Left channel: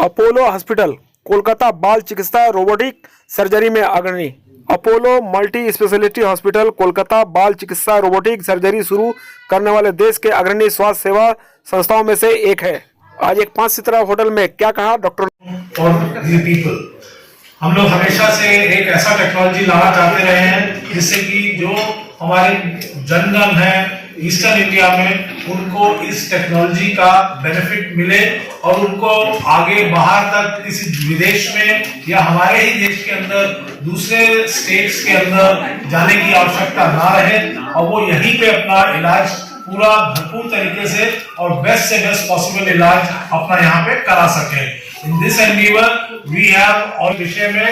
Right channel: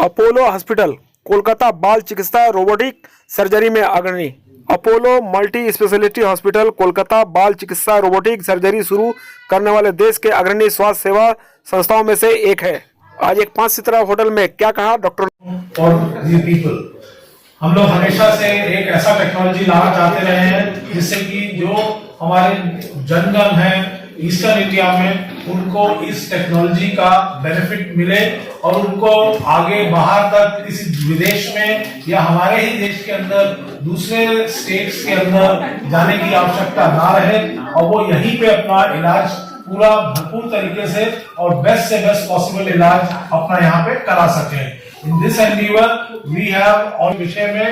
Apollo hospital Kolkata बाल चिकित्सा robotic surgery में अग्रणी। Apollo multi speciality hospital Kolkata बाल चिकित्सा रोबोटिक सर्जरी शुरू करने वाले देश के अग्रणी स्वास्थ्य सेवा संस्थाओं में से एक है। आज एक 5 सितारा होटल में क्या कहा डॉक्टर। हम लोग हमेशा से एक ऐसा टेक्नोलॉजी लाना चाहते रहे हैं जिससे कि जो हमारे जनगण है ईस्टर्न इंडिया में उनको इस टेक्नोलॉजी का बेनिफिट मिले और उनको आगे बाहर तक किसी विदेश में या हमारे ही देश के अंदर दूसरे स्टेट्स के अंदर जाने की आवश्यकता ना रहे और वो यहीं पे अपना इलाज पूरा भरपूर तरीके से और बेस्ट से बेस्ट पॉसिबल इलाज अपना यहाँ पे करा सके। In this endeavor, we have और विषय में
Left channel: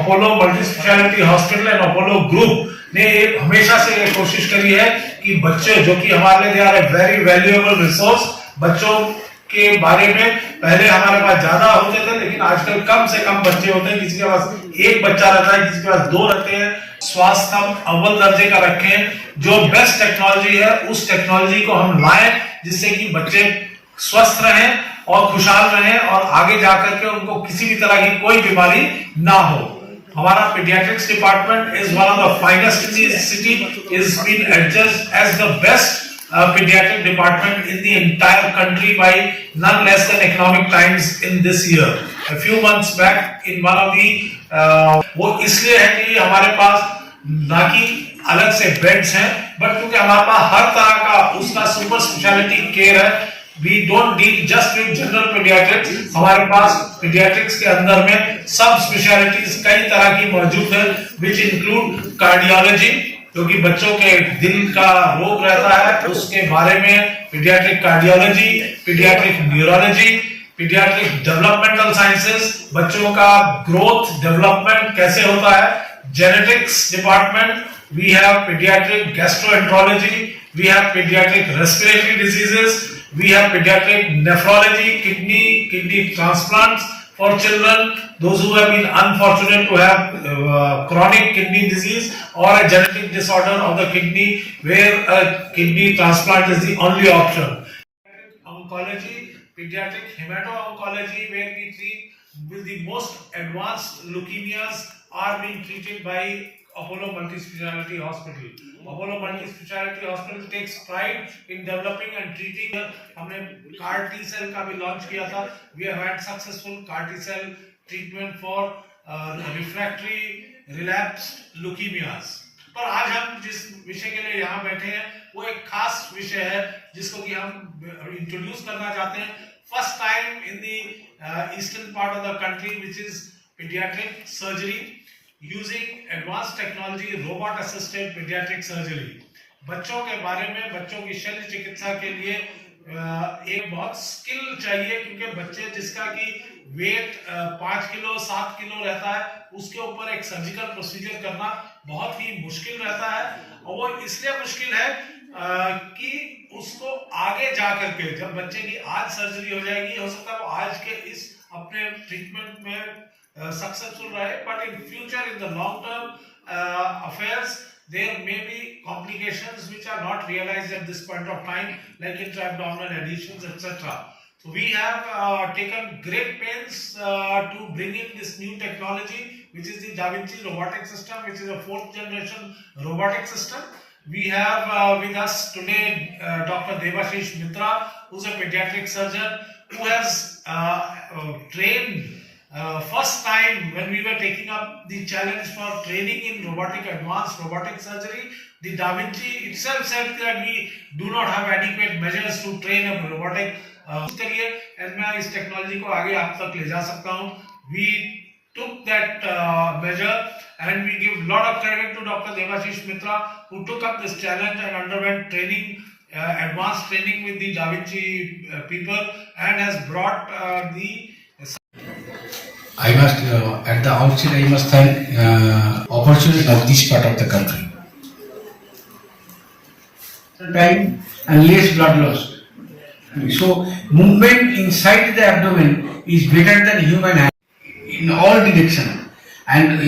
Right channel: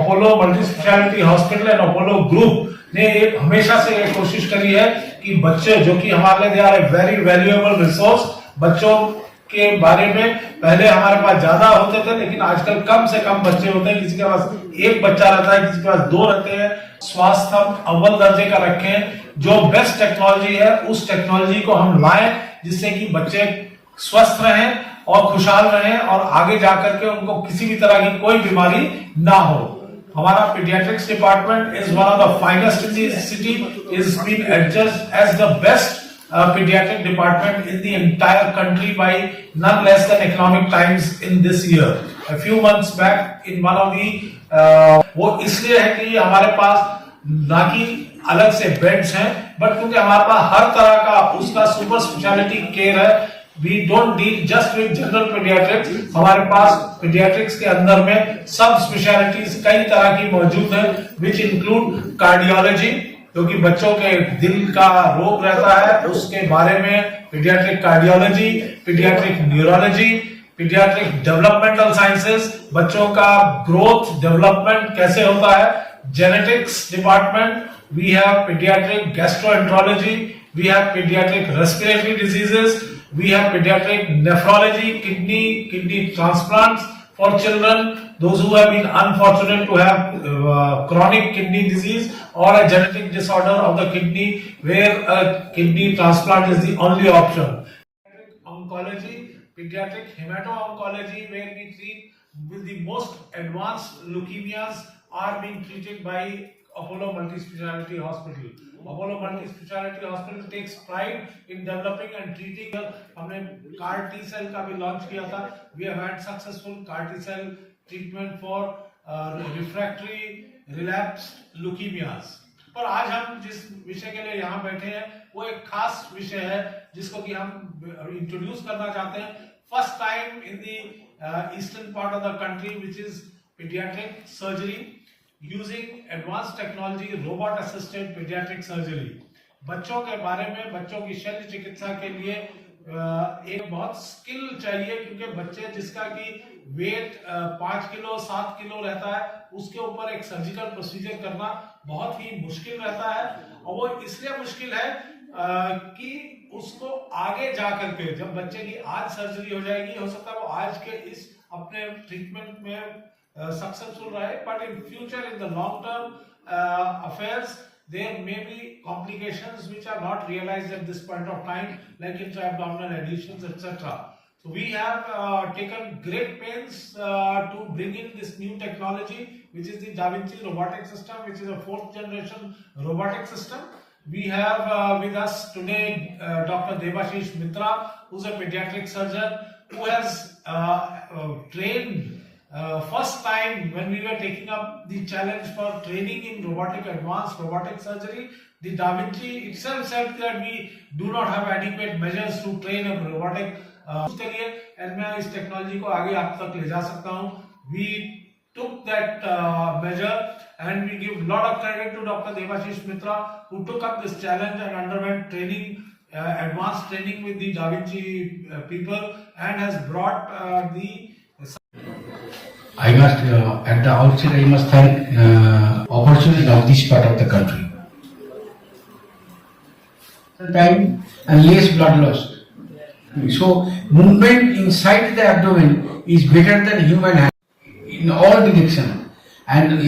Apollo multi speciality hospital and Apollo group ने हमेशा से ये कोशिश करी है कि बच्चे जो कि हमारे लिए are a very valuable resource, बच्चों के बारे में पहले हमारे पास ज्यादा होते थे लेकिन आजकल कम से कम बच्चे होते हैं, किसी के पास एक बच्चा रहता है, किसी के पास 2 रहते हैं। स्वास्थ्य हम अव्वल दर्जे का रखें, जो बेस्ट टेक्नोलॉजी है उस टेक्नोलॉजी को हम लाएं जिससे कि बच्चे स्वस्थ रहें और खुशहाल रहें और आगे जाकर के उनको किसी भी तरह की कोई बीमारी ना हो। हमारा paediatrics department is one of the finest in the city, is been adjusted as the best pediatric department in the entire country by none less than Economic Times in this year. A few months back in one of the वो इसलिए है कि हमारे पास ना कि अलग से beds हैं बट क्योंकि हमारे पास हर तरह का उसका सुपर स्पेशलिटी केयर है। We don't deal just with general pediatrics, हमारे पास pediatrics के अंदर में सब स्पेशलिटीज कई तरह की मौजूद है which include cardiology, क्योंकि बच्चों के दिल का रोग रहता है उसके बारे में paediatric cardiology, paediatric neurology, paediatric developmental sciences, बच्चों का ग्रोथ डेवलपमेंट कैसे होता है, genetics department, we have paediatric gastroenterology, we have paediatric respiratory diseases, we have paediatric nephrology, kidney transplants for children, those who have been unfortunate to have chronic kidney disease or a genetic disorder of the kidney where a kidney transplant is the only option. Oncology, pediatric hemato-oncology where we treat with the most advanced leukemias are being treated by Apollo Multi-Speciality Hospital. Apollo Multi-Speciality Hospital takes pride in developing and treating. हमने CAR T cell का भी launch किया था. We have had successful CAR T cell treatment for refractory relapsed leukemias. पर आज हम जिस विषय के लिए यहाँ बैठे हैं वो एक खास विषय है जिसको कि हम इंट्रोड्यूस करना चाहते हैं. First time in the eastern part of the country which is pediatric surgery using advanced technology, robot assisted pediatric surgery. बच्चों के बारे में बच्चों की शल्य चिकित्सा के लिए एक बहुत स्किल चाहिए क्योंकि बच्चे जिसका कि वेट 5 किलो 7 किलो रहता है उसके ऊपर एक सर्जिकल प्रोसीजर करना बहुत ही मुश्किल रहता है और वो इसलिए मुश्किल है कि उसको आगे जा करके जब बच्चे की आज सर्जरी हो जाएगी हो सकता है वो आज के इस अपने ट्रीटमेंट में successful रहे, but in future in the long term affairs there may be complications which are not realized at this point of time like intra-abdominal adhesions etc. So we have taken great pains to bring in this new technology which is the Da Vinci robotic system, which is a 4th generation robotic system. We have with us today Dr. Debashish Mitra, who is a pediatric surgeon who has trained first time when we were taking up the challenge for training in advanced robotic surgery, the Da Vinci itself said that we do not have adequate measures to train a robotic career and मैं इस technology को आगे आप तक ले जा सकता हूँ. We took that measure and we give lot of credit to Dr. Debashish Mitra who took up this challenge and underwent training, advanced training with the Da Vinci people and has brought the I must, at the outset, I must thank opportunity of this part of the country. Time and less blood loss. So, movement inside the abdomen is better than human hand in all direction. And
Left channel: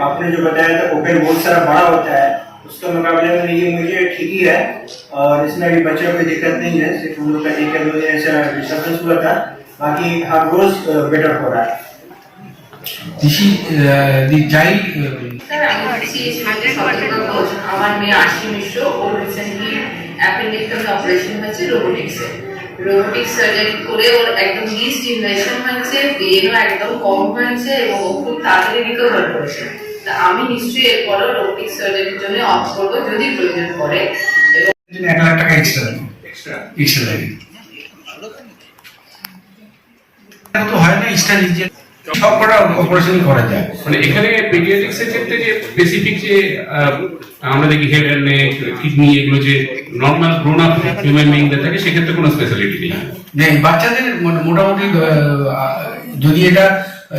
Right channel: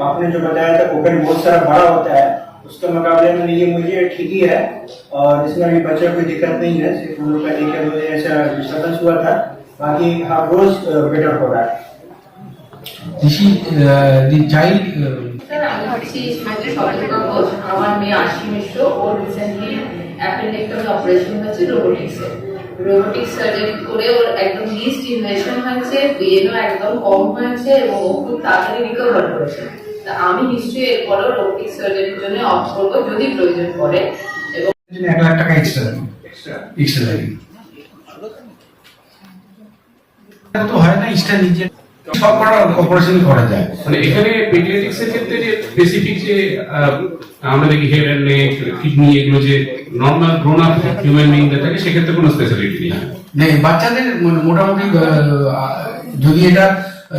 आपने जो बताया था open बहुत सारा बड़ा होता है उसके मुकाबले में ये मुझे ठीक ही है और इसमें भी बच्चों को दिक्कत नहीं है. सिर्फ हम लोग का दिक्कत ऐसा डिस्टर्बेंस हुआ था बाकी हर रोज बेटर हो रहा है। This is the child. Sir আমি হচ্ছি সতর্ক ঘোষ, আমার মেয়ে আশি মিশ্র, ওর রিসেন্টলি অ্যাপেন্ডেক্টমি অপারেশন হয়েছে রোবোটিক্স সার্জারি করে ওর একদম লিস্ট ইনভেশন হয়েছে, পেনও একদম কম হয়েছে এবং ও খুব তাড়াতাড়ি রিকভার করেছে। তা আমি নিশ্চয়ই এরপরও রোবোটিক্স সার্জারির জন্য অফ করবো যদি প্রয়োজন পড়ে। এবং 1 লাখ টাকা এক্সট্রা লাগে। তো হয় না ইস্টার নিজে সব কটা অপারেশনই করা যায়। মানে এখানে পেডিয়াট্রিক্সের ক্ষেত্রে যে স্পেসিফিক যে আমরা দেখি হেড এন্ড নেক কিডনি এগুলো যে নর্মাল গ্রোন আপ হিউম্যান বিইংদের থাকে সেক্ষেত্রে কোনো স্পেশালিটি নেই। নেই, বাচ্চাদের মোটামুটি যদি এটা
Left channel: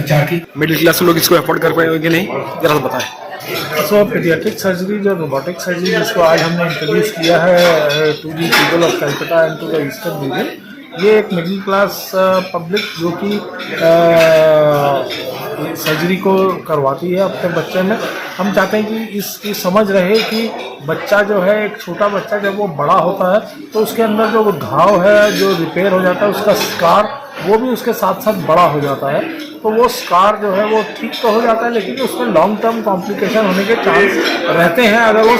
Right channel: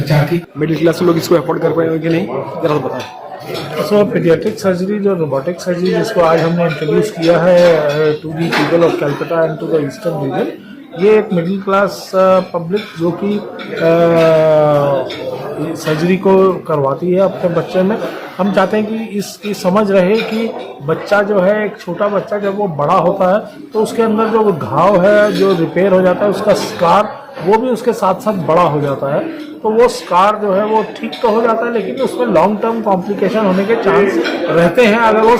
চাকরি मिडिल क्लास लोग इसको अफोर्ड कर पाएंगे कि नहीं, जरा सा बताएं। सो पीडियाट्रिक सर्जरी जो रोबोटिक सर्जरी जिसको आज हमने इंट्रोड्यूस किया है to the people of Calcutta and to the eastern region, ये एक मिडिल क्लास पब्लिक जो कि सर्जरी को करवाती है अपने बच्चे में। हम चाहते हैं कि इसकी समझ रहे कि बच्चा जो है, एक छोटा बच्चा जब वो बड़ा होता है तो उसके अंदर जो घाव है जो रिपेयर हो जाता है, उसका स्कार वो भी उसके साथ साथ बड़ा हो जाता है। तो वो स्कार जो है वो ठीक तो हो जाता है, लेकिन उसमें लॉन्ग टर्म कॉम्प्लिकेशन होने के चांस रहते हैं अगर वो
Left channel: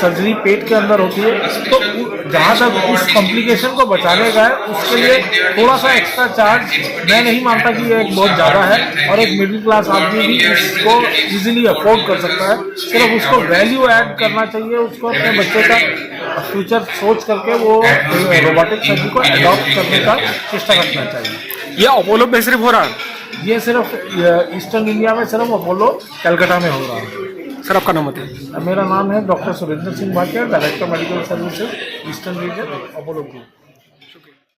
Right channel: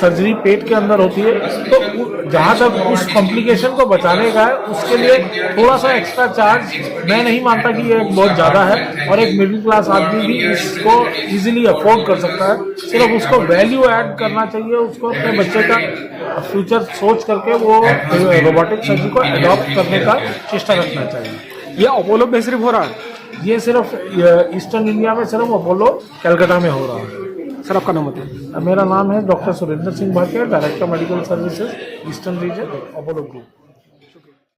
सर्जरी पेट के अंदर होती है। तो जहाँ तक उस कॉम्प्लिकेशन को बचाने का है, उसके लिए थोड़ा सा एक्स्ट्रा चार्ज मैं नहीं मानता कि ये एक बहुत ज़्यादा है, और एक मिडिल क्लास आदमी भी इसको इजीली अफोर्ड कर सकता है। सिर्फ उसको वैल्यू ऐड करना चाहिए, उसको अपने बच्चे का फ्यूचर सोच करके वो रोबोटिक सर्जरी को अडॉप्ट करने का चेष्टा रखना चाहिए। ये अपोलो में सिर्फ हो रहा है ये सिर्फ ईस्टर्न इंडिया में सिर्फ अपोलो कलकत्ता में हो रहा है। सर, आपका नाम बताइए। मेरा नाम है doctor Surendra Singh Bhatia, director medical services eastern region Apollo group.